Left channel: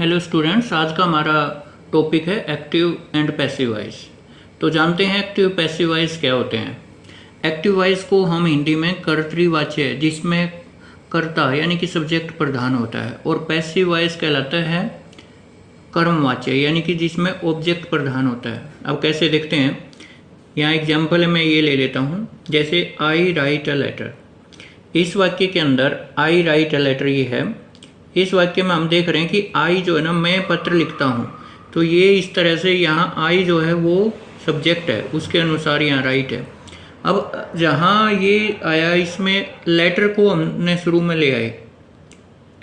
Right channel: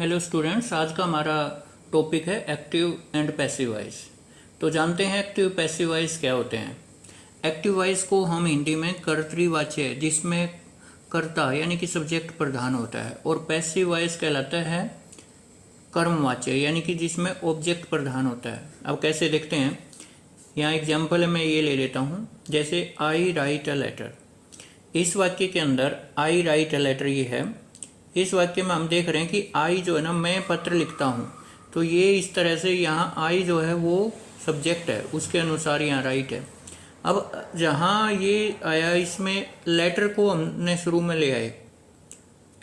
Hello students, आज का हमारा टॉपिक है एक्टिव एंड पैसिव वॉइस। तो जानते हैं एक्टिव पैसिव वॉइस क्या होते हैं। एक्टिव वॉइस को हम हिंदी में कर्तृवाच्य जिसमें कर्ता यानी कि सब्जेक्ट प्रधान होता है, और पैसिव वॉइस कहलाता है कर्मवाच्य यानी कि जिसमें ऑब्जेक्ट प्रधान होता है। अब कैसे देखते हैं, यहाँ एग्जाम्पल मैं ये ले लेता हूँ, जैसे आई राइट अ लेटर। इस वाक्य के अंदर आई राइट अ लेटर ये है। इस वाक्य में हम देख रहे हैं कि आई जो है ना, मैं पत्र लिखता हूँ, तो ये इस तरह से यहाँ आई जो है वो सब्जेक्ट है, उसके अनुसार यहाँ राइट है। अब जहाँ ये आया, इसमें लेटर को हमने शुरू में ले आए,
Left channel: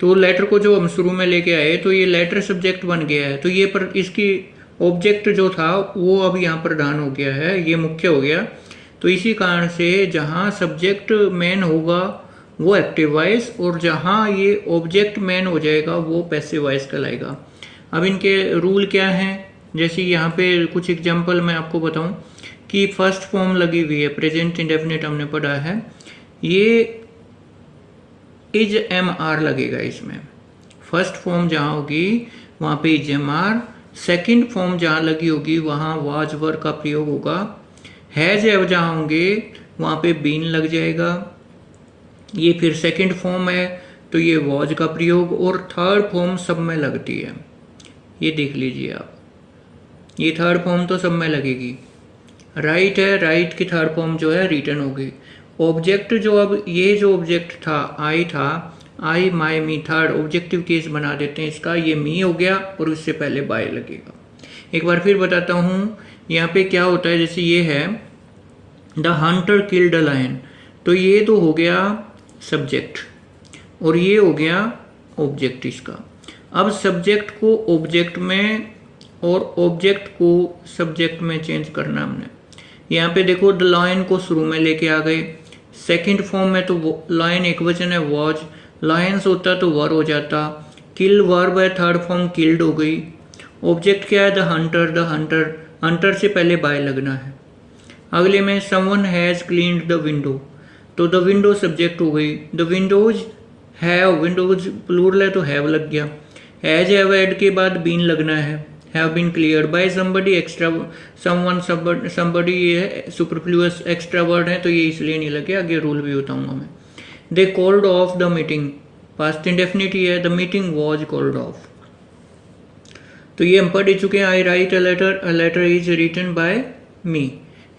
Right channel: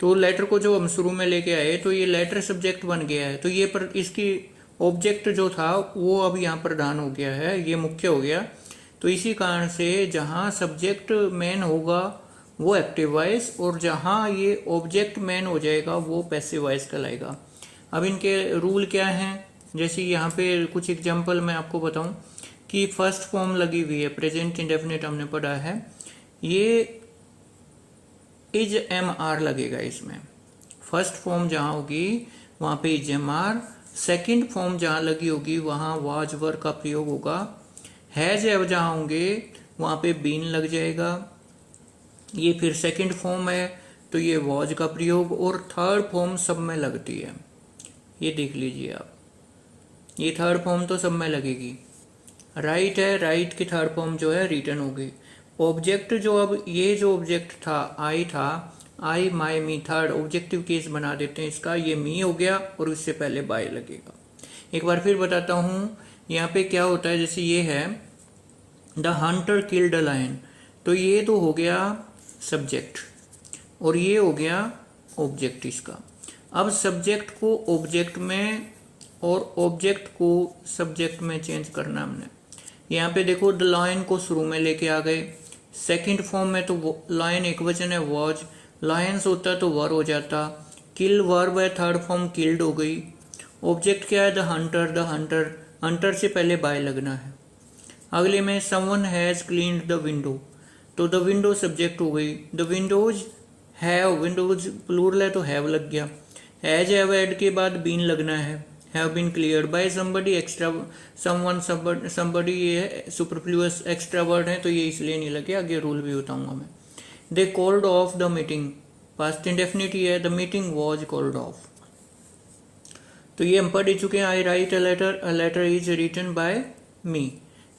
तो लेटर को जो हम शुरू में लेके आए तो ये लेटर सब्जेक्ट बन गया है। तो ये पर इसकी ऑब्जेक्ट जो था वो अब यहाँ प्रधान हो गया है, ये मुख्य हो गया। तो इसी कारण से जहाँ सब्जेक्ट मेन होगा वो एक्टिव वॉइस, और जहाँ ये ऑब्जेक्ट मेन हो जाएगा वो पैसिव वॉइस कहलाएगा। अब इनके रूल क्या हैं, जैसे यहाँ पे कुछ एग्जांपल मैं आपको बताऊं कि फर्स्ट फॉर्म लगी हुई है, प्रेजेंट इंडेफिनिट हमने पढ़ा है, ये इज एम आर लगेगा इसमें। फर्स्ट फॉर्म जहाँ होगी वहाँ पे is am are, second form जहाँ लगी होगी वहाँ वाज वर का प्रयोग होगा, हैज हैव जहाँ होंगे वहाँ पे बीन लग जाएगा। ये फिर सेकंड फॉर्म है तो ये वॉज का प्रयोग, और थर्ड फॉर्म सब में लगती है। ये देख लीजिए आप, ये थर्ड फॉर्म तो सब में लगेगी। राइट है, राइट की थर्ड फॉर्म जो है रिटर्न होगी। ऑब्जेक्ट जो, अब ये जो ऑब्जेक्ट था आई था, आई माई मी, थर्ड ऑब्जेक्टिव केस बना देते हैं इसका, ये मी हो गया और उससे पहले बाय लगेगा। एक बार फिर बताता हूँ यहाँ पे क्या होता है। जैसे ये है the hunter killed a lion, तो ये तो हो गया सब्जेक्ट और ये हो गया ऑब्जेक्ट इसका। अब सब्जेक्ट को ऑब्जेक्ट में और ऑब्जेक्ट को सब्जेक्ट में चेंज करना हमने। यहाँ पे देखो द लायन को शुरू में लेके आ गए, सेकंड फॉर्म में तो लायन एक वचन है वॉज, लायंस होता तो वर हो जाता, किल वर्ब है, थर्ड फॉर्म किल्ड हो गई। ऑब्जेक्ट क्या है, the hunter, the hunter, hunter से पहले बाय लगना है। अगले में someone has cleaned the window, तो द विंडो सब्जेक्ट हो गई। The windows have, windows plural है तो हैव लग गया। हैज हैव ऐड के बाद बीन लगना है, have been cleared by somebody, extra someone somebody ये है सुपरफ्लुअस एक्स्ट्रा वर्ड है तो ये इसलिए नहीं लगे, आगे रूल भी बताऊंगा मैं। They called off the meeting, past indefinite ही है, the meeting was called off. तो ये हम पढ़ चुके हैं। I write a letter is written by me,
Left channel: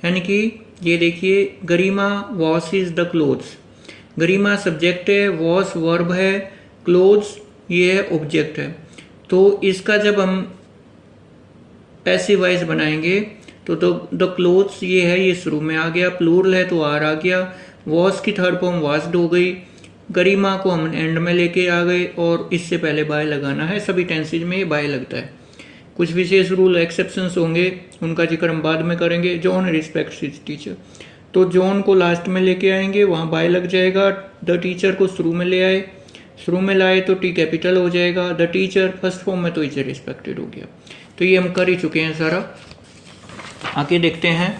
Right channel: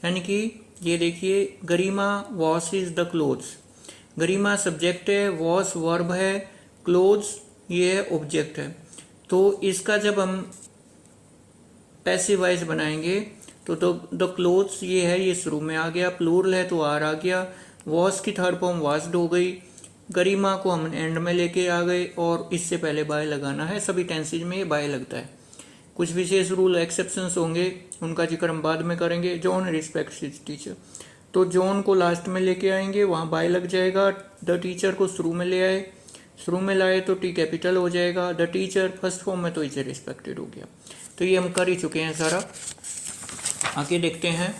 यानी कि ये देखिए Garima wash is the clothes, Garima subject है, वॉश वर्ब है, क्लोथ्स ये है ऑब्जेक्ट है। तो इसका जब हम पैसिव वॉइस बनाएंगे तो द क्लोथ्स ये है, ये शुरू में आ गया, प्लूरल है तो आर आ गया, वॉश की थर्ड फॉर्म वॉश्ड हो गई, गरिमा को हम एंड में लेके आ गए और इससे पहले बाय लगाना है। सभी टेंसेज में ये बाय लगता है। कुछ विशेष रूल एक्सेप्शंस होंगे, उनका जिक्र हम बाद में करेंगे। जॉन रिस्पेक्ट्स हिज टीचर, तो जॉन को लास्ट में लेके आएंगे, वहाँ बाय लग जाएगा। द टीचर को शुरू में ले आए, शुरू में लाए तो टी कैपिटल हो जाएगा। द टीचर फर्स्ट फॉर्म में तो इज रिस्पेक्टेड हो गया। तो ये हम कर ही चुके हैं सारा। आगे देखते हैं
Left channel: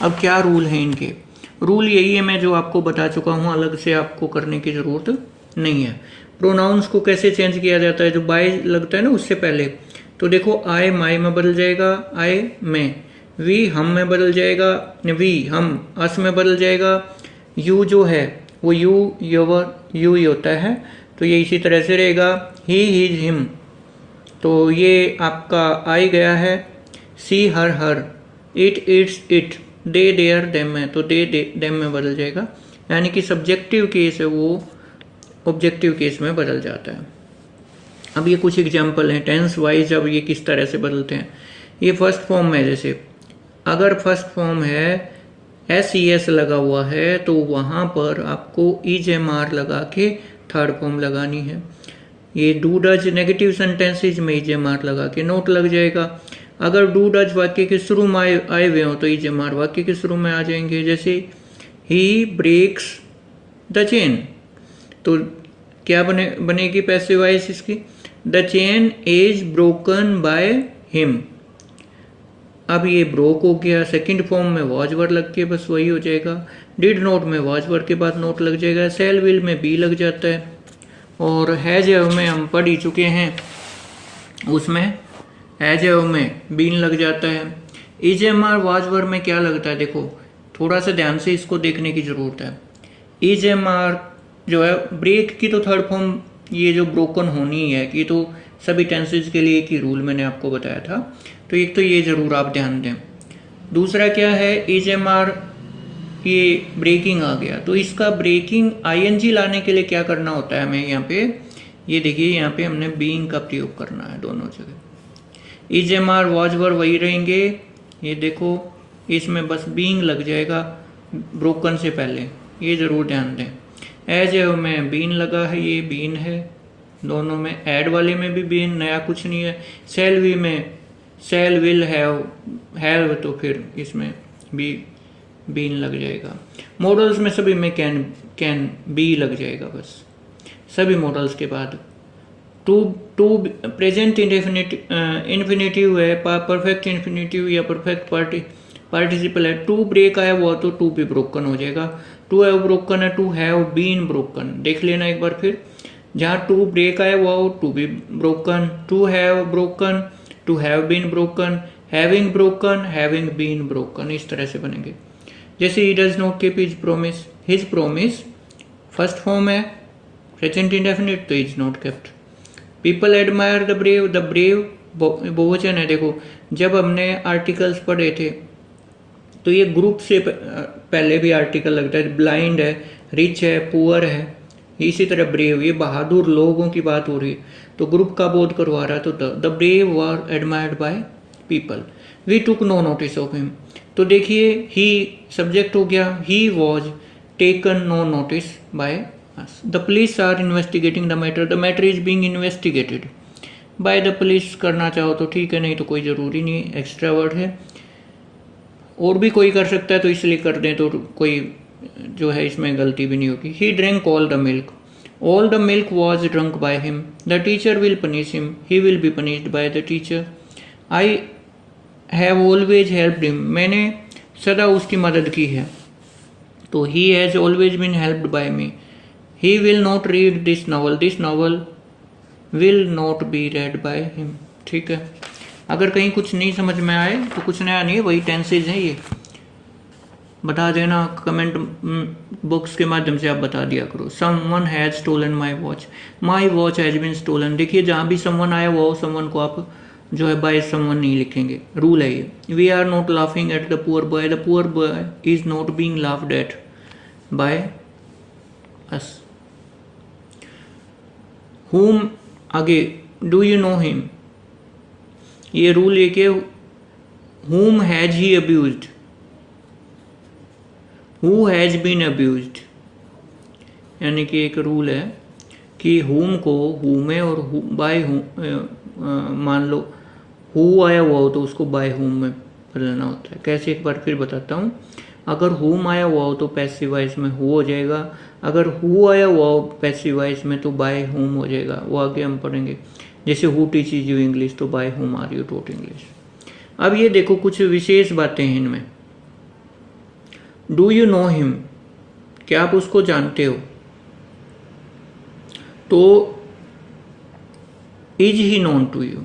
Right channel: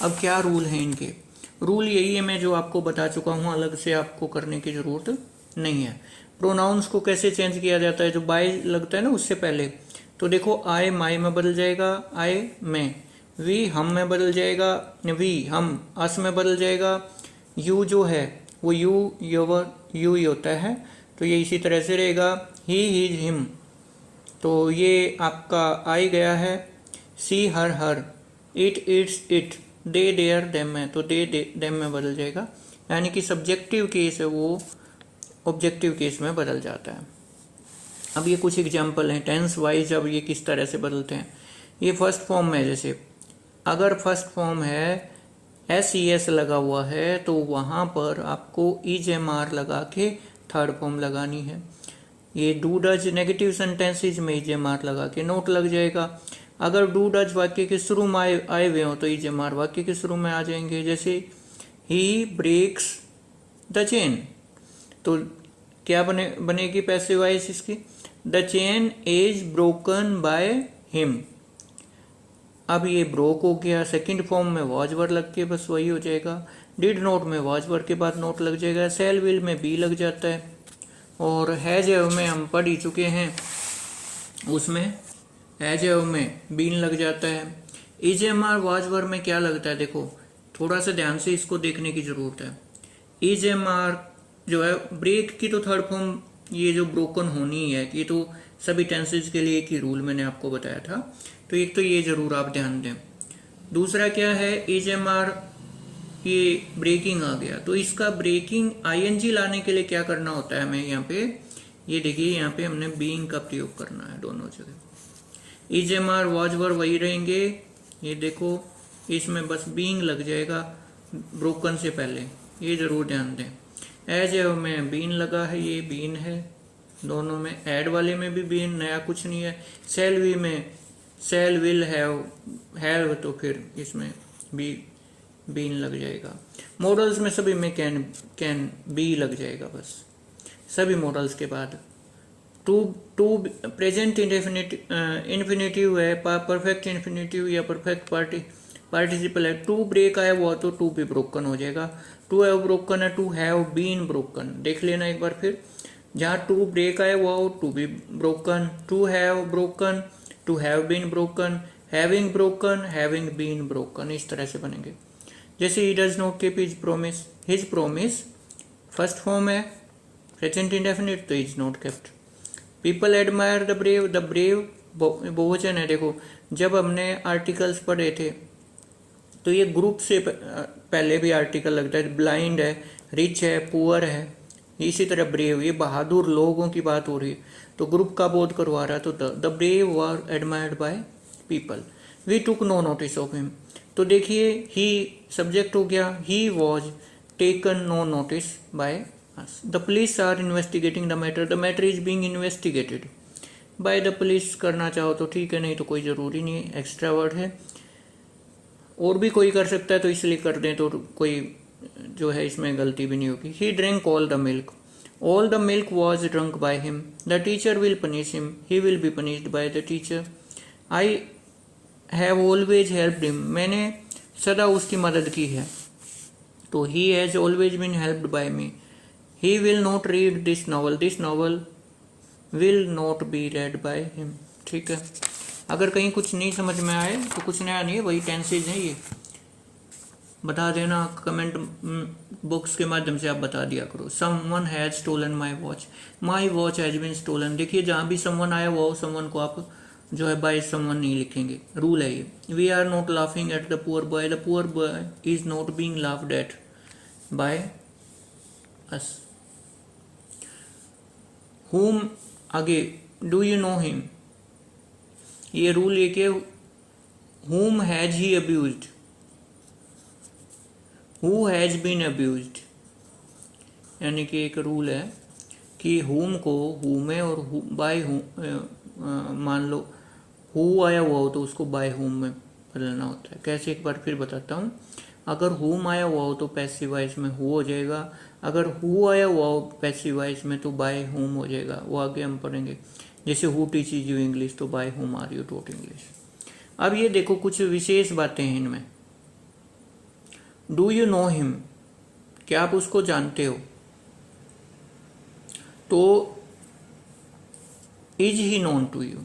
अब क्या रूल है इनके। रूल यही है मैं जो आपको बता चुका हूँ, अलग से आपको करने की ज़रूरत नहीं है। प्रोनाउंस को कैसे चेंज किया जाता है, जो बाय लगता है ना उससे पहले, तो देखो आई माई में बदल जाएगा, आई में, वी हम में बदल जाएगा, वी हम अस में बदल जाएगा, यू जो है वो यू योवर यू ही होता है तो ये इसी तरह से रहेगा। ही हिज हिम, तो ये आपका आई गया है। She her her, it its it, they their them में, तो दे देम में बदल जाएगा, यानी कि सब्जेक्टिव केस है वो ऑब्जेक्टिव केस में बदल जाता है। अब ये कुछ एग्जाम्पल हैं टेंस वाइज, अब ये किस तरह से बदलते हैं। ये फर्स्ट फॉर्म में, जैसे अगर फर्स्ट फॉर्म है एस ई एस लगा हुआ है तो वहाँ पर आपको इज एम आर लगा के थर्ड फॉर्म लगानी है। ये डू डज नेगेटिव सेंटेंसेज में इज एम आर लगा के नोट लग जाएगा। अगर डू डज वाक्य के शुरू में आए हुए हो तो इज एम आर वाक्य के शुरू में आ जाएंगे। जैसे ही ब्रेक्स द चेन, तो क्या बनेगी पैसिव वॉइस इसकी, the chain is broken by him. अब ये ब्रोक हो गया, सेकंड फॉर्म में वॉज वर्ड लग के बस वही हो जाएगा। डिड नोट में वॉज वर्ड के बाद नोट लग जाएगा। सेल विल में बी लग जाता है। और हैज में हम पढ़ ही चुके हैं उसमें एज ए में बीन लग जाता है। Is am are was were में क्या लगता है, देखो थोड़ा सा ध्यान से इसको देखने की ज़रूरत है। इज एम आर जो है ब्रेक की तो थर्ड फॉर्म ये जो ब्रोकन होनी है, ये तो सभी टेंसेज के लिए एक ही रूल मैंने आपको बताया था, तो एक तो ये ज़रूर आप ध्यान दें। दूसरा क्या है, इज एम आर ये ब्रेकिंग आ गया, तो इसका ब्रेकिंग आईएनजी लाने के लिए क्या करना होता है हमें यहाँ पे, ये देखिए यहाँ पे हमने बीइंग का प्रयोग करना है दोनों जगह। Is am are was were वही रहेंगे, ये देखो इसमें बस बीइंग लग जाएगा ब्रोकन से पहले, ये ज़रूर ध्यान दें। एज ए में बीन लगा है, ये बीन है दोनों में, ऐड वाले में भी बीन, नया कुछ नहीं है। सेल वी में सेल विल हैव तो फिर इसमें भी बीन लग जाएगा। मॉडल्स में सभी में कैन बी लग जाएगा बस, सभी मॉडल्स के बाद। टू प्रेजेंट इन्फिनेटिव है, परफेक्ट इन्फिनेटिव या परफेक्ट पार्टिसिपल है। टू ब्रेक आया हुआ तो टू भी ब्रोकन हो जाएगा। टू हैव ब्रोकन है, टू हैव बीन ब्रोकन, देख लेना एक बार फिर, जहाँ टू ब्रेक आया हुआ हो to be broken. To have broken, to have been broken, having broken, having been broken, इस तरह से बनेंगे। जैसे he does not keep his promise first form है, प्रेजेंट इंडेफिनिट तो is not kept. People admire the brave बहुवचन है। देखो जब हमने आर्टिकल्स पढ़े थे तो ये ग्रुप से पहले भी आर्टिकल लगता है, ब्लाइंड है, रिच है, पुअर है, इसी तरह ब्रेव, ये बहादुर लोगों की बात हो रही है तो ग्रुप का बोध करवा रहा है, तो the brave were admired by people. We took no notice of him, तो देखिए ही सब्जेक्ट हो गया, he was taken no notice by us. The police are investigating the matter is being investigated by the police करना चाहो तो ठीक है, नहीं तो कोई ज़रूरी नहीं, एक्स्ट्रा वर्ड है, और भी कोई कर सकता है तो इसलिए कर दें तो कोई जो है इसमें गलती भी नहीं होगी। He drink all the milk was drunk by him, the teacher will punish him, he will be punished by the teacher. I have always helped him, मैंने सदा उसकी मदद की है, तो he has always been helped by me. He will not read this novel will not be read by him. ठीक है, अगर कहीं कुछ नहीं समझ में आए तो कुछ नया नहीं है, वही टेंसेज हैं, ये बता देना कमेंट बॉक्स के माध्यम से आप बता दिया करो। Someone has stolen my watch has been stolen. देखिए जहाँ भी समवन आया हुआ हो, समवन को आप जो है बाय समवन नहीं लिखेंगे, रूल है ये। We are not laughing at the poor boy is not being laughed at by us. Whom आगे, डू यू नो हिम, ये रूल एक है, whom has he abused, who has been abused, यानी कि एक रूल है कि हुम को हु में और बाय मान लो हु आया हुआ हो तो उसको बाय हुम में बदलना होता है। कैसे, एक बार फिर बताता हूँ। अगर हुम आया हुआ हो तो पैसिव वॉइस में हु हो जाएगा, अगर हु आया हुआ हो पैसिव वॉइस में तो बाय हुम हो जाएगा, वो आगे हम पढ़ेंगे। जैसे हु टीचेज यू इंग्लिश तो by whom are you taught English. अब ये देखो कुछ विशेष बातें हैं इनमें। डू यू नो हिम, क्या आप उसको जानते हो, तो is he known to you.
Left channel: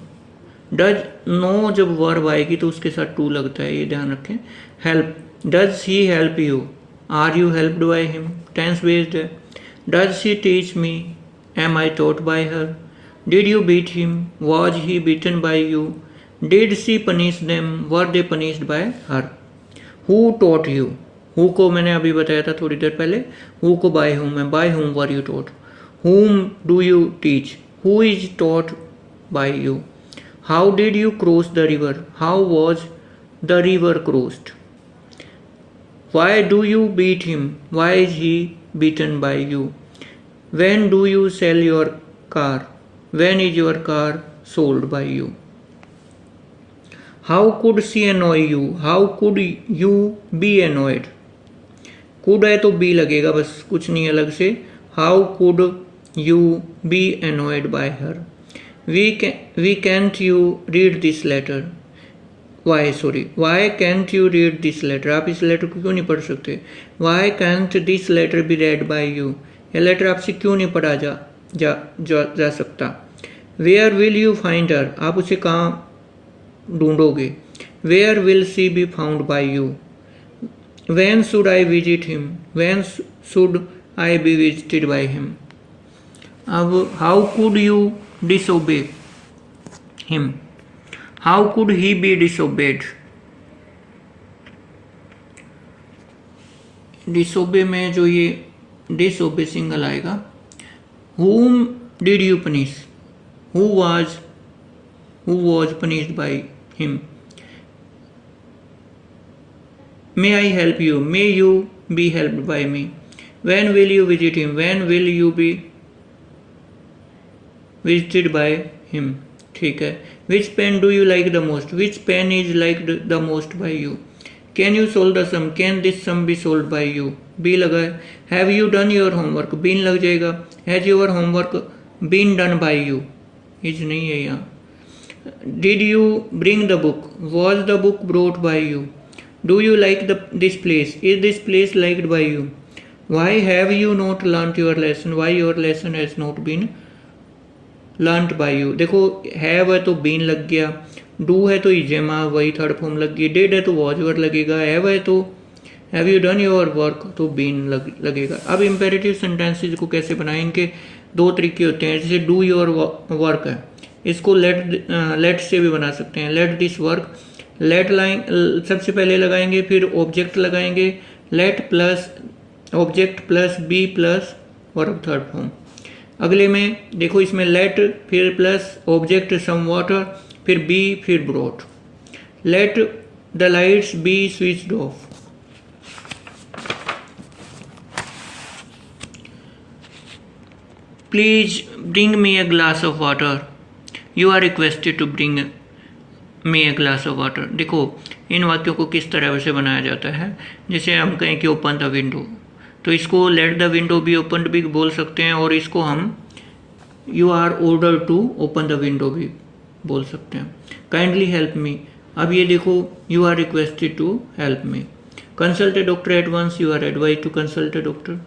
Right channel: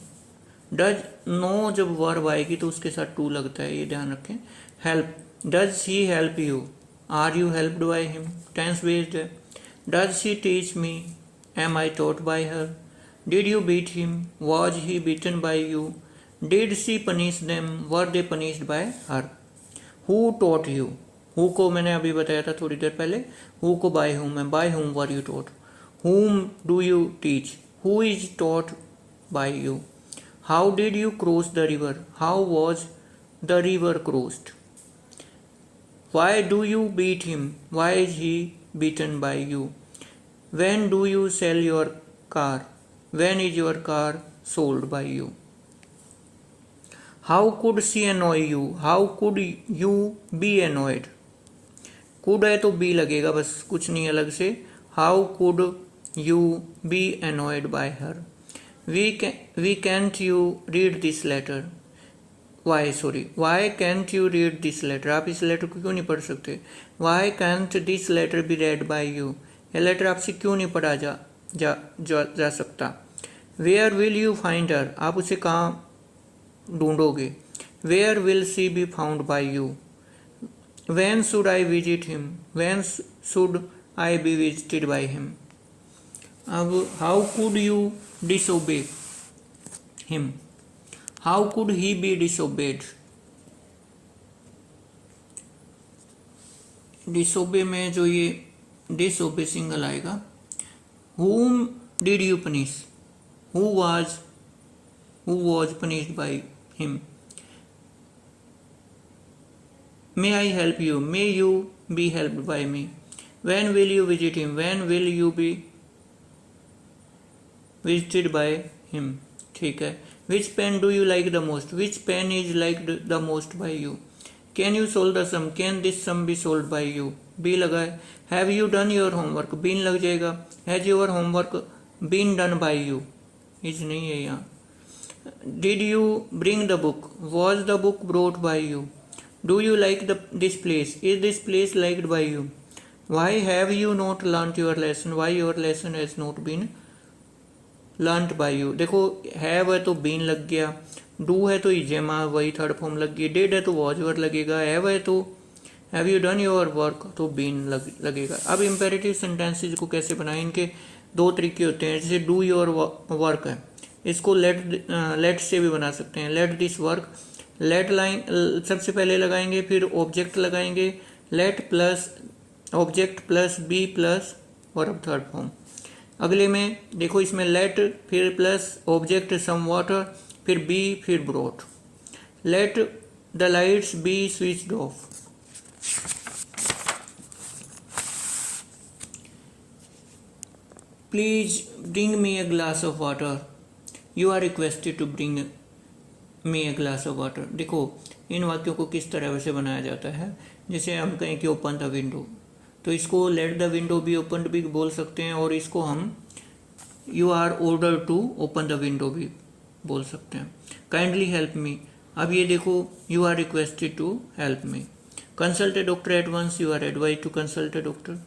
Does no जब वर्ब आएगी तो उसके साथ टू लगता है, ये ध्यान रखें। Help, does he help you, are you helped by him, tense based है। Does she teach me, am I taught by her. Did you beat him, was he beaten by you. Did she punish them, were they punished by her. Who taught you, who को मैंने अभी बताया था थोड़ी देर पहले, who co by whom है, by whom were you taught. Whom do you teach, who is taught by you. How did you cross the river, how was the river crossed. Why do you beat him, why is he beaten by you. When do you sell your car, when is your car sold by you. How could she annoy you, how could you be annoyed। Could है तो be लगेगा बस, कुछ नहीं अलग से। How could you be annoyed by her। We can't you read this letter, why can't you read this letter, आप इस लेटर को क्यों नहीं पढ़ सकते। Why can't this letter be read by you, यह लेटर आपसे क्यों नहीं पढ़ा जा सकता। Where will you find her, आप उसे कहाँ ढूंढोगे। Where will she be found by you. When should I visit him, when should I be visited by him. अब how could you disobey him, how could he be disobeyed. Disobey में जो ये disobey single आएगा। whom did you punish, who was punished by him। may I help you, may you be helped by me। when will you visit him, when will you be visited by him। ठीक है। which pen do you like the most, which pen is liked the most by you। can you solve the sum, can this sum be solved by you। Be लगा है। Have you done your homework, been लग जाएगा। Has your homework been done by you, is नहीं है यहाँ। Did you bring the book, was the book brought by you. Do you like this place, is this place liked by you. Why have you not learned your lesson, why your lesson has not been learned by you. देखो have है तो been लग गया, do है तो इजेमा वही third form लग गई, डिड है तो वॉज वर्ड लगेगा, हैव है तो have you done your work तो बीन लगेगा। अब इम्पेरेटिव सेंटेंसेज को कैसे बनाएं, इनके दो तरीके होते हैं। जैसे डू योर वर्क है, इसको लेट से भी बना सकते हैं। Let this work, let line सबसे पहले लगाएंगे, फिर ऑब्जेक्ट लगाएंगे, let plus object plus be plus verb third form. अगले में देखो इसमें लेट फिर प्लस ऑब्जेक्ट सम वाटर फिर बी फिर brought. Let the lights be switched off. Please bring me a glass of water, you are requested to bring me a glass of water. देखो इन वाक्यों को किस तरह से बनाया जाता है। जैसे हम कहें कि ओपन द विंडो, तो इसको let the window be open भी बोल सकते हैं, और इसको हम you are order to open the window भी बोल सकते हैं। काइंडली हेल्प मी, अब ये देखो you are requested to help me. Consult a doctor at once, you are advise to consult a doctor.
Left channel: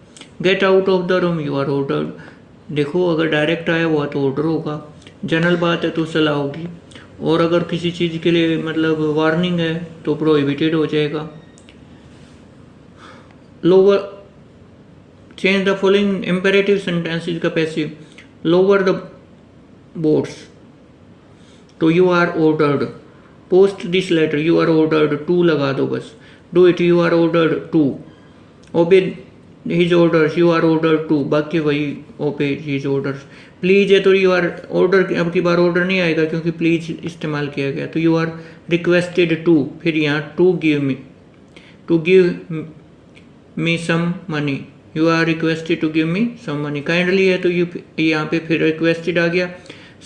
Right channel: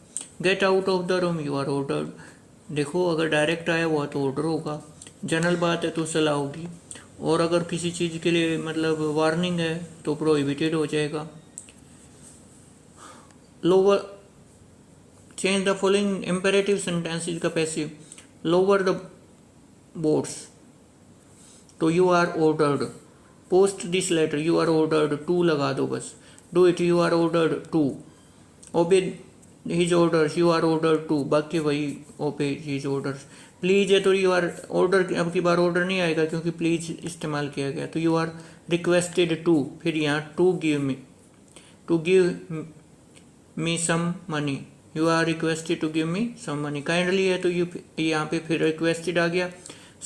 Get out of the room, you are ordered. देखो अगर direct आया हुआ तो ऑर्डर होगा, general बात है तो सलाह होगी, और अगर किसी चीज़ के लिए मतलब वार्निंग है तो प्रोहिबिटेड हो जाएगा। Lower change the following imperative sentences का पैसिव। लोअर द बोर्ड्स तो you are ordered. Post this letter, you are ordered to लगा दो बस। Do it, you are ordered to. Obey his orders, you are ordered to, बाकी वही ओबे his orders. Please है तो यू आर ऑर्डर, अब की बार ऑर्डर नहीं आएगा क्योंकि प्लीज इस्तेमाल किया गया, तो यू आर रिक्वेस्टेड टू, फिर यहाँ to give me some money, you are requested to give me some money. Kindly है तो यू यहाँ पे फिर रिक्वेस्टेड आ गया।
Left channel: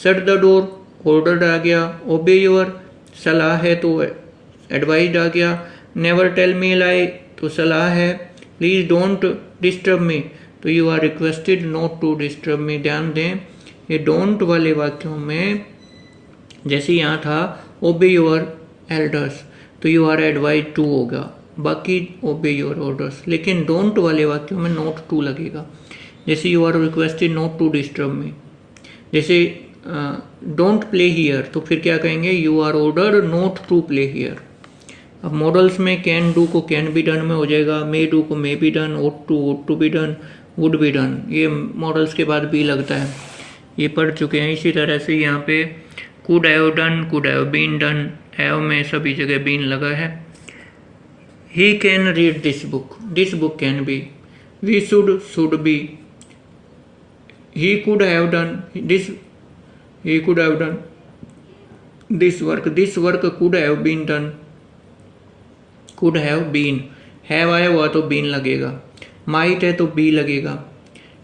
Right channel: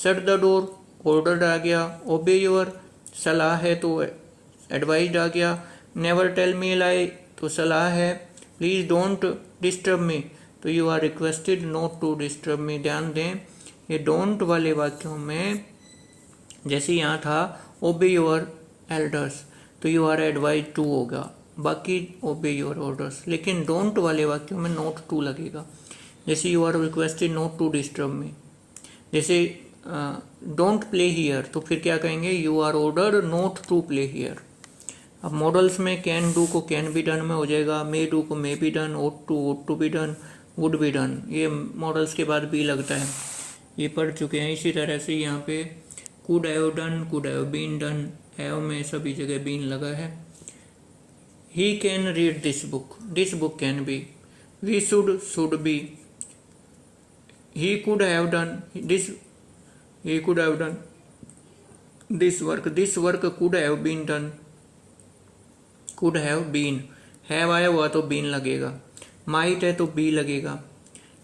शट द डोर, ऑर्डर्ड आ गया। ओबे योर, सलाह है तो एडवाइज आ गया। नेवर टेल मी लाई तो सलाह है। प्लीज डोंट डिस्टर्ब मी तो you are requested not to disturb me. ध्यान दें ये डोंट वाले वाक्यों में जैसे यहाँ था ओबे योर एल्डर्स तो यू आर एडवाइज टू होगा, बाकी ओबे योर ऑर्डर्स। लेकिन डोंट वाले वाक्यों में नॉट टू लगेगा। जैसे you are requested not to disturb me. जैसे डोंट प्ले हियर तो फिर क्या कहेंगे, you are ordered not to play here. अब मॉडल्स में कैन डू को कैन बी डन में हो जाएगा, मे डू को may be done, ought to be done, would be done. ये मॉडल्स के बाद बी लगता है, ये पढ़ चुके हैं। इसी तरह से यहाँ पे could have done, could have been done, have में सभी जगह बीन लगा है। He can read this book can be. We should be. He could have done this, he could have done this work could have been done, could have been। have आया हुआ तो been लगेगा, might है तो be लगेगा,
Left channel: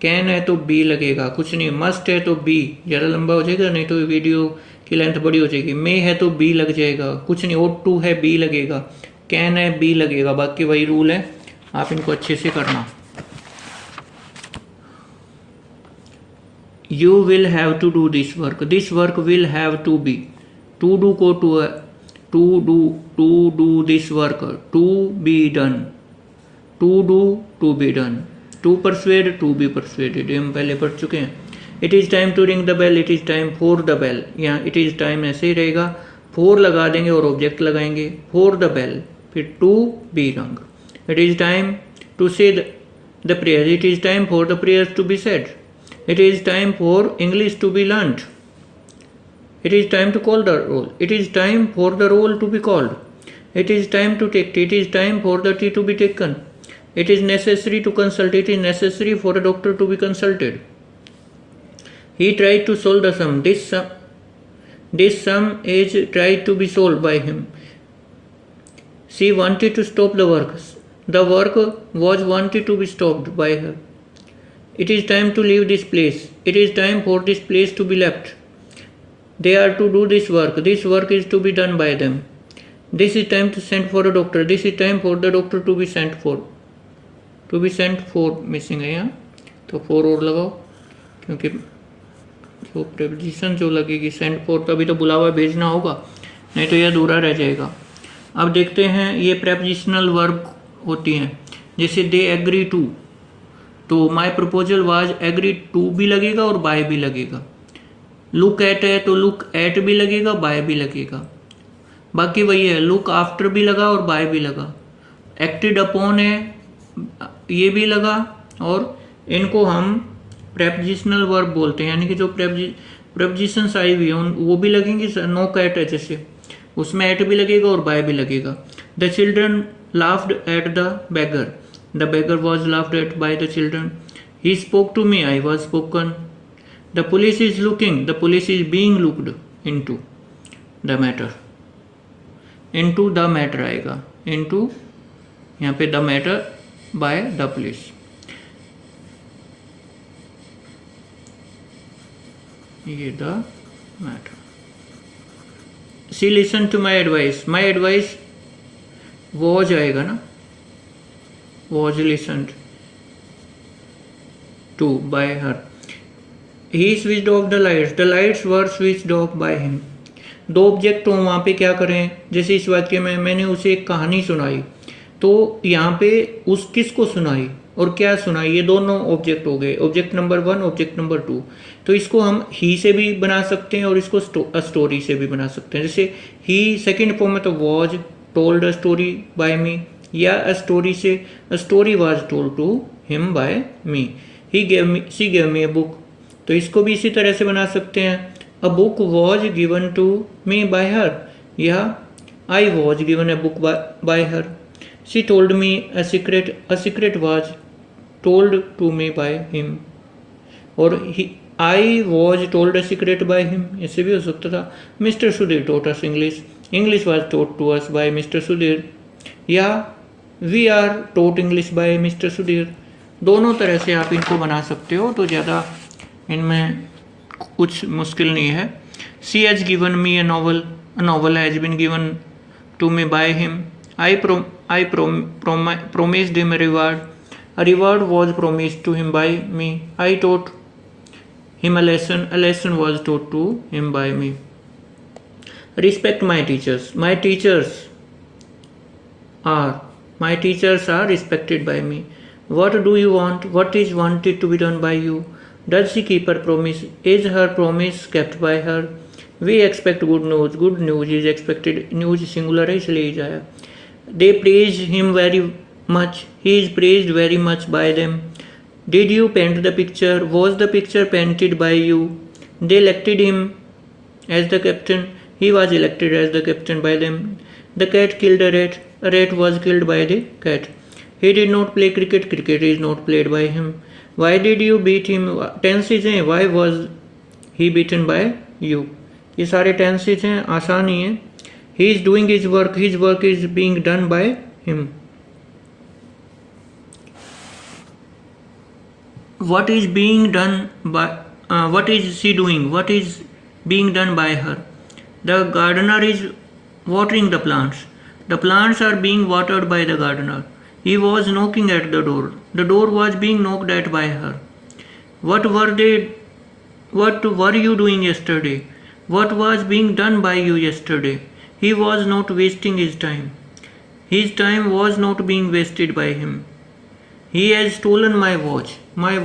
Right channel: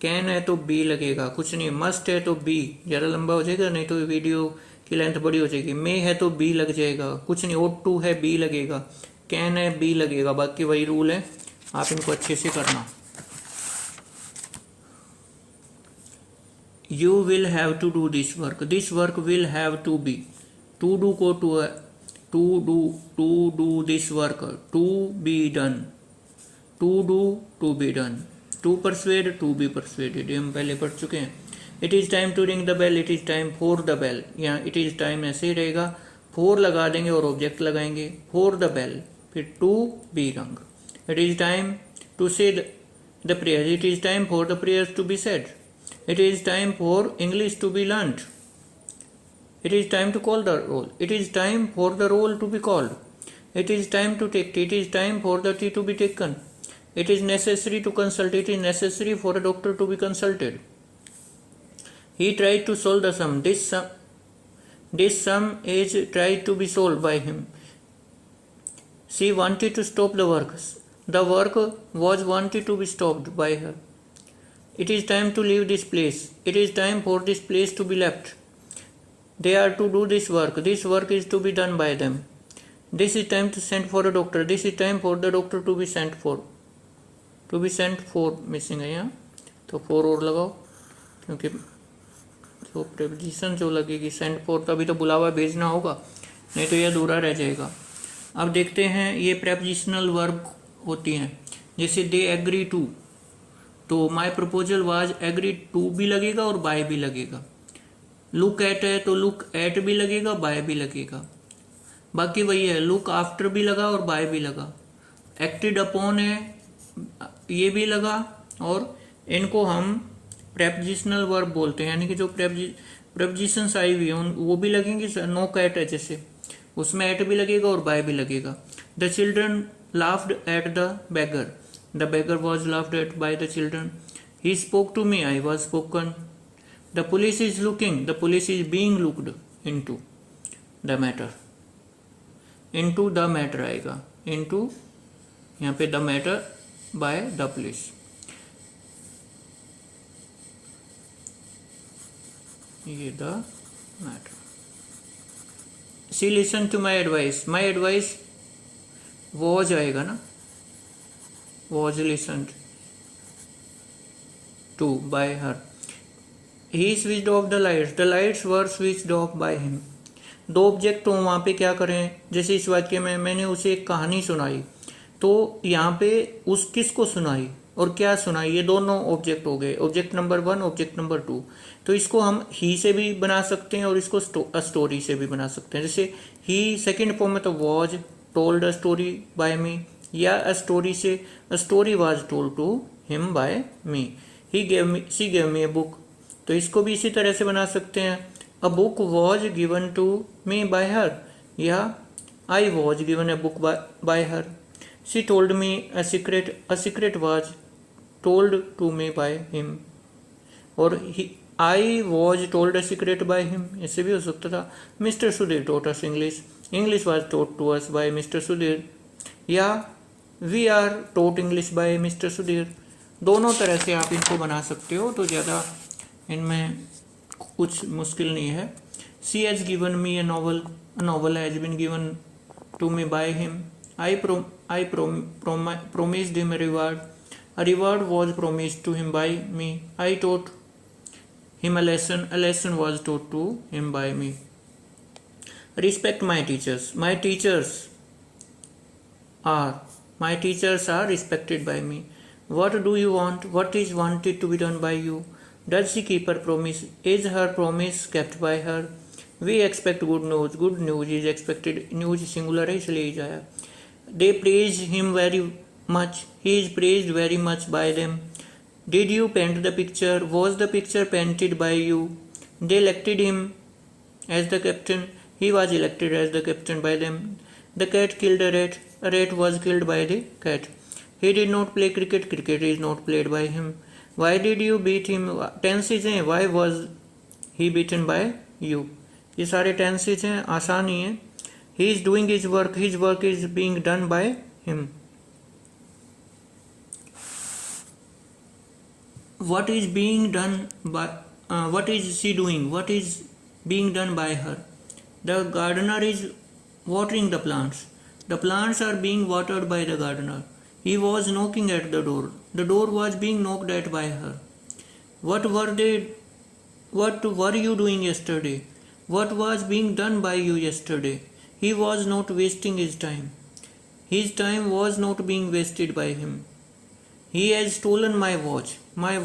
can है तो be लगेगा, कुछ नहीं। मस्ट है तो बी, ज़्यादा लंबा हो जाएगा नहीं तो वीडियो की लेंथ बड़ी हो जाएगी। मे है तो बी लग जाएगा, कुछ नहीं। ought टू है बी लगेगा, कैन है बी लगेगा, बाकी वही रूल है, आप इनको अच्छे से करना। You will have to do this work will have to be। to do को to do this work, to be done, to do to be done। to persuade to be persuaded, ये हम पहले पढ़ चुके हैं। It is time to ring the bell, it is time for the bell. यहाँ it is time ऐसे ही रहेगा, फॉर लगा देंगे और ऑब्जेक्ट लगाएंगे, फॉर द बेल, फिर to be rung. It is time to say the prayer, it is time for the prayers to be said, it is time for English to be learned, it is time to call the roll, it is time for the roll to be called, it is time to take tea, it is time for the tea to be taken, it is necessary to consult, it is necessary for a doctor to be consulted. He tried to solve the sum, this sum is tried to be solved by him. She wanted to stop the work was wanted to be stopped by her. It is time to leave this place, it is time for this place to be left. They are to do this work is to be done by them. This is time to send for a doctor, this is time for the doctor to be sent for, missing है यहाँ, तो for और लगाओ, क्योंकि जो preposition जो लगेगी send for, तभी तो बुलावा भेजना होगा, नहीं तो यह अधूरा रह जाएगा। अब देखते हैं ये प्रेपोजिशनल वर्ब होती हैं, जैसे दे एग्री टू, तो my proposal was agree to भी लगेगा और बाय भी लगेगा। लुक एट है तो लुक एट भी लगेगा, बाय भी लगेगा। बाकी वही है, लुक आफ्टर भी लगा और बाय भी लगा। एक्टेड अपॉन है, ये भी लगा, और इनको हम प्रेपोजिशनल वर्ब बोलते हैं, यानी कि जो प्रेपोजिशंस आई हुई हैं वो भी लगेंगी। नो कैट है जैसे, उसमें एट भी लगेगा और बाय भी लगेगा। The children laughed at the beggar, the beggar was laughed at by the children. He spoke to me, I was spoken. The police is looking, the police is being looked into the matter, into the matter आएगा, into यहाँ पे the matter by the police। ये the matter। She listened to my advice, my advice was आएगा ना, was listened to by her। He switched off the lights were switched off by him। दो object हो, वहाँ पे क्या करें, जैसे इस वाक्य में मैंने उसे एक कहानी सुनाई, तो यहाँ पे उस किसको सुनाई और क्या सुनाई, ये दोनों ऑब्जेक्ट हो गए, ऑब्जेक्ट नंबर 1 ऑब्जेक्ट नंबर 2। तो इसको हम ही से भी बना सकते हैं और इसको स्टोरी से भी बना सकते हैं। जैसे ही सेकेंड फॉर्म में तो was told a story by me, या अ स्टोरी से a story was told to him by me. He gave me, she gave me a book, तो इसको भी इसी तरह से बना सकते हैं। A book was given to me by her, या I was given a book by her. She told me a secret was told to me by him, और I was told a secret by him, इससे भी हो सकता था। Mister Sudhir taught us English, English was taught to us by mister Sudhir, या we are taught English by mister Sudhir. दोनों तरह से आप इनको बना सकते हो, तो ज़्यादा इनमें कुछ मुश्किल नहीं है। She has given me a novel, a novel has been given to me by him. I promised him a reward was promised to him by me। I taught him a lesson was taught to him by me। Respect my teachers, my teachers are respected by me। What do you want, what is wanted to be done by you। Does she keep her promise, is her promise kept by her। We expect good news is expected, news singular है इसलिए ही जाया। They praise him very much, he is praised very much by them। Did you paint the picture, was the picture painted by you। They elected him as the captain, he was elected as the captain by them। The cat killed a rat was killed by the cat। He did not play cricket, cricket is not played by him। Why did you beat him, tenses हैं, why was he beaten by you। ये सारे tenses हैं, आसान ही है। he is doing his work is being done by him। what is being done by what is she doing, what is being done by her। the gardener is watering the plants are being watered by the gardener। he was knocking at the door was being knocked at by her। what were you doing yesterday, what was being done by you yesterday। he was not wasting his time was not being wasted by him। he has stolen my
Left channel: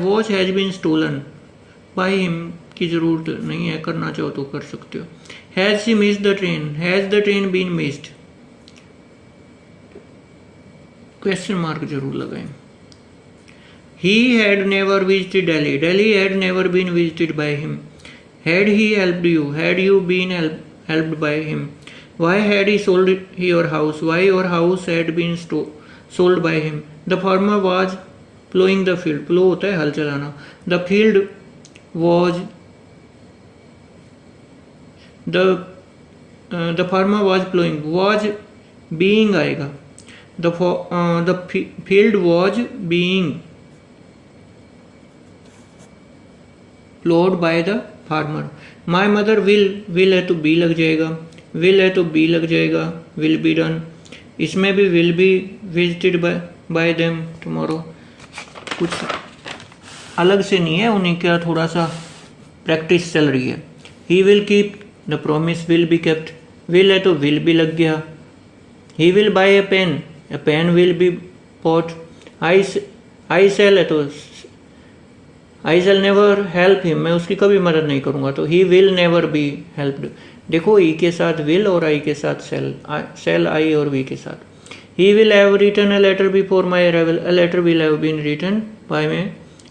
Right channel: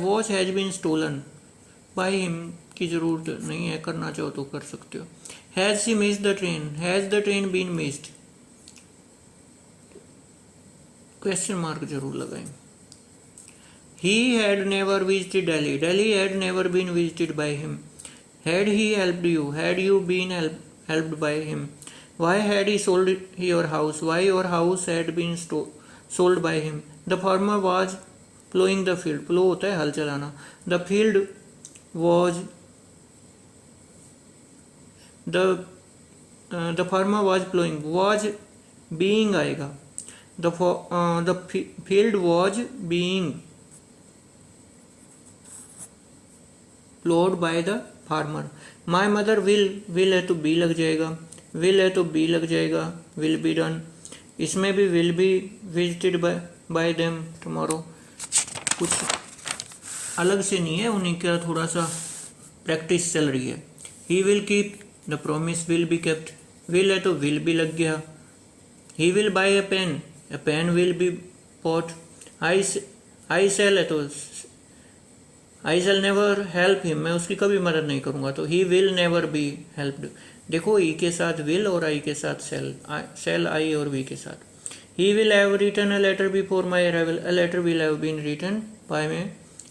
watch has been stolen by him की ज़रूरत नहीं है, करना चाहो तो कर सकते हो। Has she missed the train, has the train been missed, question mark जरूर लगाएं। He had never visited Delhi, Delhi had never been visited by him. Had he helped you, had you been helped by him. Why had he sold your house, why your house had been sold by him. The farmer was ploughing the field, plough होता है हल चलाना। The field was the farmer was ploughing, was being आएगा। The field was being प्लोड by the farmer. My mother will है तो B लग जाएगा, will है तो बी लग जाएगा, विल बी डन। इसमें भी will be visited by them tomorrow, कुछ अलग से नहीं है, उन्हें क्या थोड़ा सा प्रैक्टिस चल रही है। He will keep the promise will be kept, will है तो विल भी लग गया। He will buy a pen will be bought. I shall है तो I shall never help him, मैं उसकी कभी मदद नहीं करूंगा, तो he will never be helped. देखो ई के साथ विल और आई के साथ सेल आई और वी के साथ। He will have written a letter before my arrival, a letter will have been written by me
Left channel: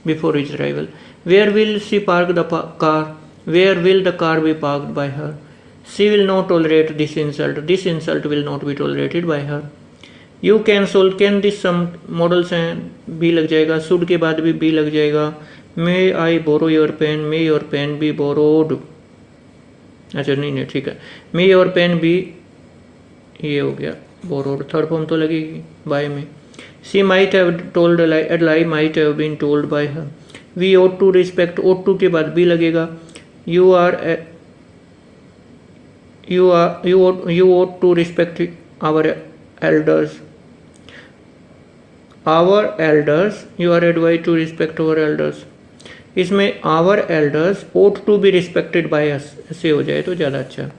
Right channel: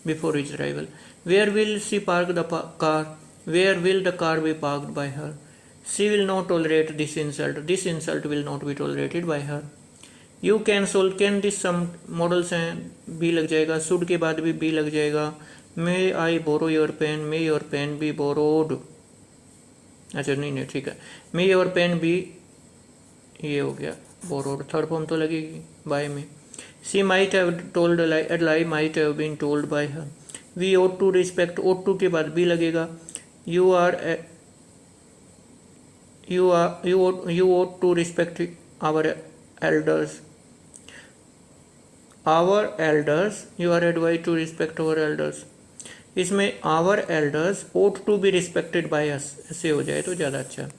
before his arrival. Where will she park the car, where will the car be parked by her. She will not tolerate this insult will not be tolerated by her. You can solve, can this sum models हैं, be लग जाएगा, should के बाद भी be लग जाएगा। May I borrow your pen, may your pen be borrowed, अच्छा नहीं ठीक है, मे योर पेन बी, ये हो गया बोरोड, थर्ड फॉर्म तो लगेगी बाय में। She might have told a lie might have been told by her. We ought to respect, ought to के बाद बी लगेगा। You ought to respect our elders, our elders, you are advise to respect our elders. इसमें our elders ought to be respected by us, ऐसे हो जाए तो ज़्यादा अच्छा।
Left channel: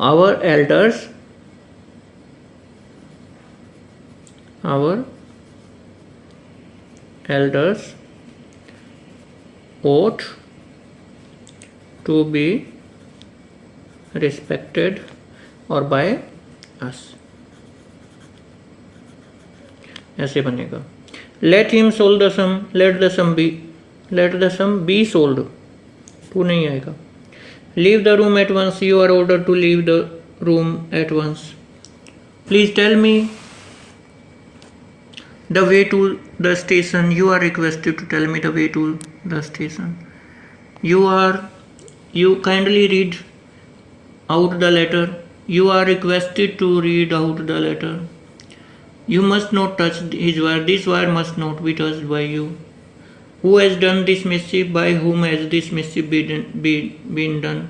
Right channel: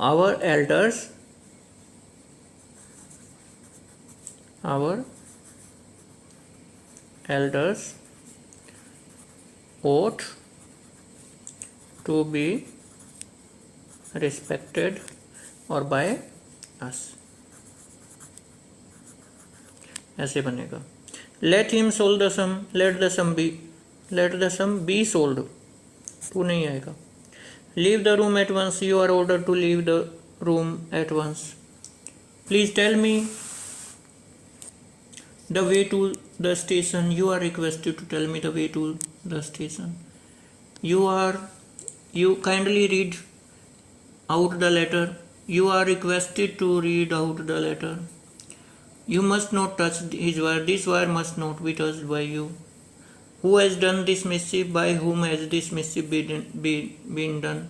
Our elders, our elders ought to be respected और by us, ऐसे बनेगा। Let him solve the sum, let the sum be solved, to नहीं आएगा। Leave the room at once, you are order to leave the room at once. Please tell me the way to the station, you are requested to tell me the way to the station. You kindly read out the letter, you are requested to read out the letter। You must not touch his wire, this wire must not be touched by you। Who has done this mischief, by whom has this mischief been done।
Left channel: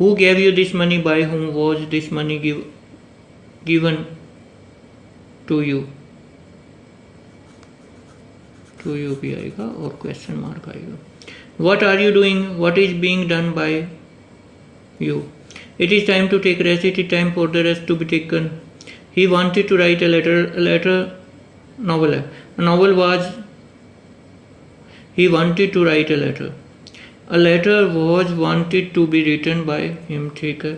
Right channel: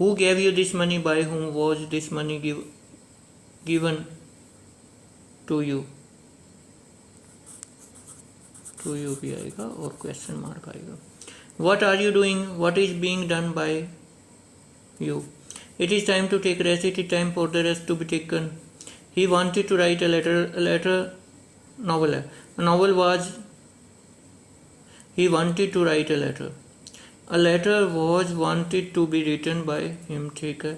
Who gave you this money, by whom was this money given to you। to you भी आएगा और question mark आएगा। What are you doing, what is being done by you। It is time to take rest, it is time for the rest to be taken। He wanted to write a letter novel है, a novel was, he wanted to write a letter was wanted to be written by him, ठीक है।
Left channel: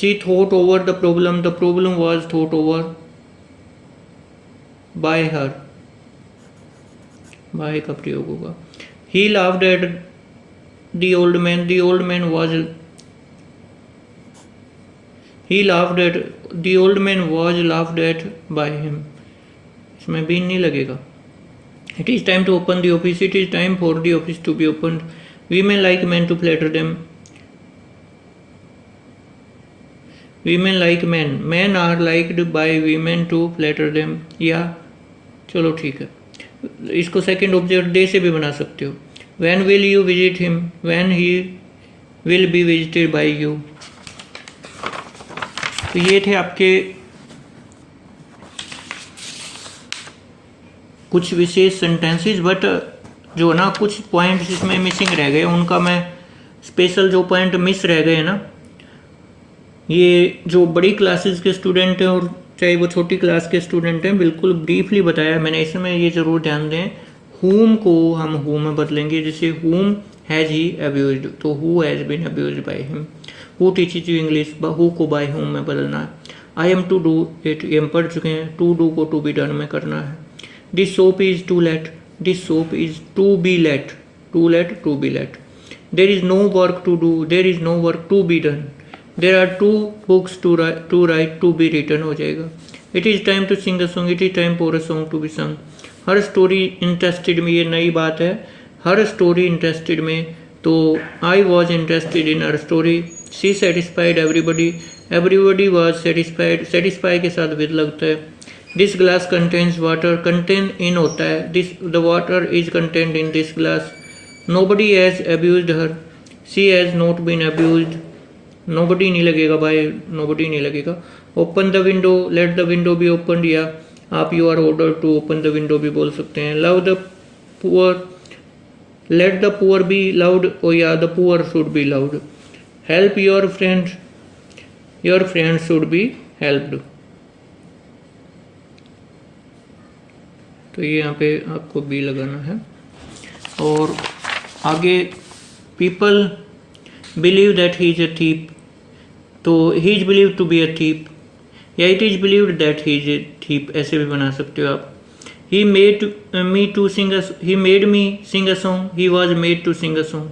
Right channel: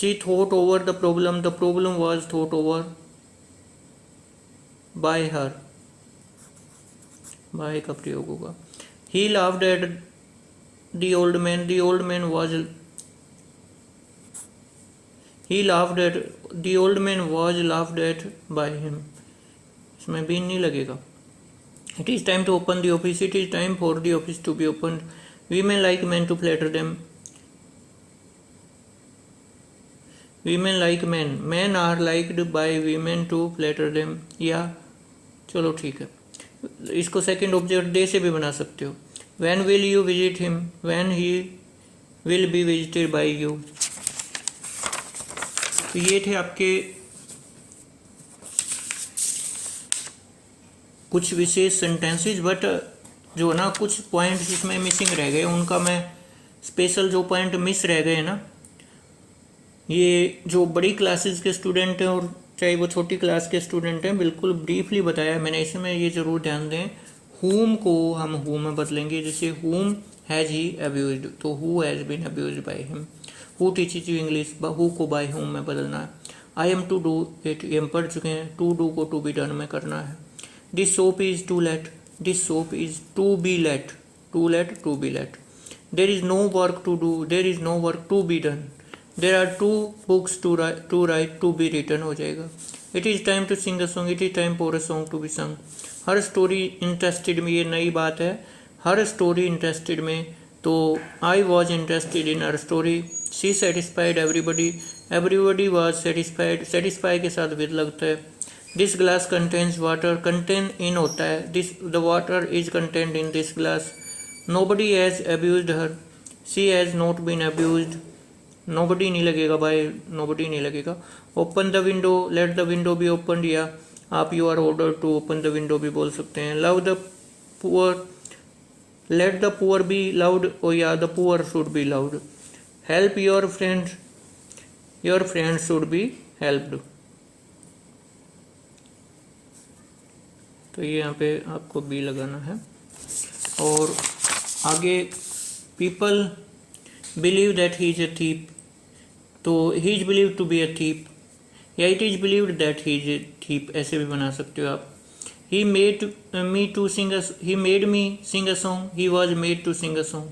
She thought over the problem was thought over by her, by का प्रयोग होगा। He laughed at the old man was, he laughed at the old man was laughed at by him, इसमें भी नहीं लगेगा। It is time to open the office, it is time for the office to be opened। Women like men to flatter them, women like men are liked by women to flatter them। या चलो ठीक है, इसको second object they से भी बना सकते हो। When will you visit him, when he will be visited by you। तो ये थे आपके कुछ विशेष सेंटेंसेस, बट जो ना कुछ पॉइंट्स इसमें मिसिंग रह गए, उनका मैं स्पेशल जो पॉइंट मिस रह गए ना, ये जो बड़ी क्लासेस के स्टूडेंट हैं और चाहे वो छोटी क्लास के स्टूडेंट हैं, बिल्कुल ब्रीफली बताया मैंने। इसमें ये ज़रूर ध्यान दें, whom को हम who में बदलेंगे, जैसे whom has he abused, तो who has been abused by him. who teaches you English, who को by whom में बदलना है. I am to do it, ये हम पढ़ चुके हैं. to do को to be done में करना है. this soap is to let, this soap is to be let, to let, to be let. there is no work to do, there is no work to be done. there are two books to write, to be written हो जाएगा. it is time to sing a song, it is time for a song to be sung. Her story interested में, ये नई बात है, हर story interested में, तो I was interested in her story. She satisfied everybody, everybody was satisfied, satisfy के साथ with लगता है. This glass contains water, contain in होता है, this the water is content in this glass. Nobody has abused her, she has not been abused. Nobody नहीं लगेगा भाई, nobody नहीं लगेगा. Open the window, let the window be open, या आप you are order to open the window भी बोल सकते हैं. Love the poor, let the poor be loud, ओ या the poor should be loud. Help your friend should be helped. तो ये यहाँ पे आपको बी लगाना है. और आगे people believe that he is a thief, तो he is believe to be a thief, या it is believed that he is a thief, ऐसे भी बना सकते हो आप. He made me to sing, he made me sing a song, he was made to sing a song.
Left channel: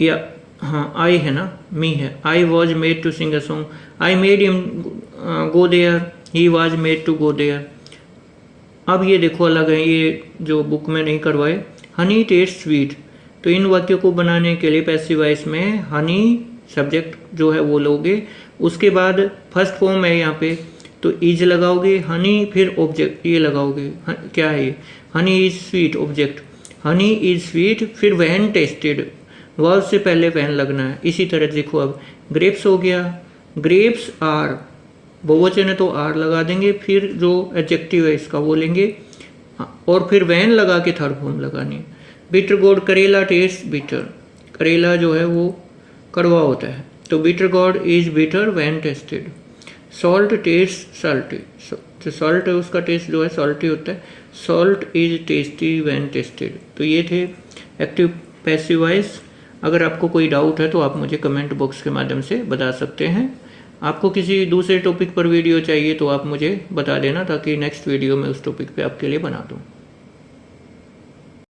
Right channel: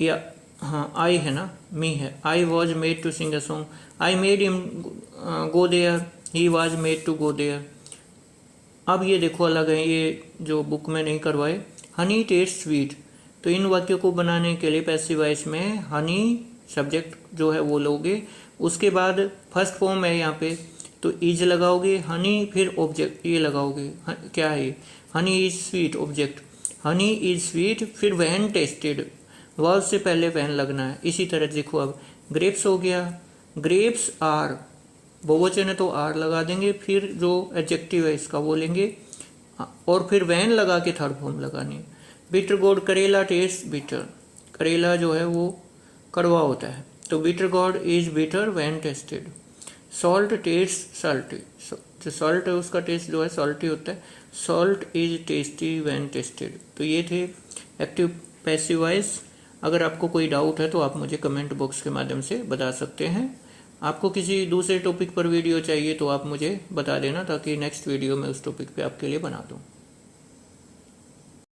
या हाँ I है ना, मी है. I was made to sing a song. I made him go there, he was made to go there. अब ये देखो अलग है, ये जो बुक में नहीं करवाए. हनी टेस्ट स्वीट, तो इन वाक्यों को बनाने के लिए पैसिव वॉइस में हनी सब्जेक्ट जो है वो लोगे. उसके बाद फर्स्ट फॉर्म है यहाँ पे, तो इज लगाओगे, हनी फिर ऑब्जेक्ट ये लगाओगे. क्या है ये, honey is sweet object, honey is sweet, फिर वैन टेस्टेड, वर्ब से पहले वैन लगना है. इसी तरह देखो अब ग्रेप्स हो गया, ग्रेप्स आर, बहुवचन है तो आर लगा देंगे, फिर जो एडजेक्टिव है इसका वो लेंगे, और फिर वैन लगा के थर्ड फॉर्म लगानी है. बिटर गोड, करेला टेस्ट बिटर, करेला जो है वो कड़वा होता है, तो bitter gourd is bitter when tasted. Salt taste salty, जो सॉल्ट है उसका टेस्ट जो है सॉल्टी होता है. Salt is tasty when tasted. तो ये थे एक्टिव पैसिव वॉइस. अगर आपको कोई डाउट है तो आप मुझे कमेंट बॉक्स के माध्यम से बता सकते हैं. आपको किसी दूसरे टॉपिक पर वीडियो चाहिए तो आप मुझे बता देना, ताकि नेक्स्ट वीडियो में उस टॉपिक पे आपके लिए बना दूँ.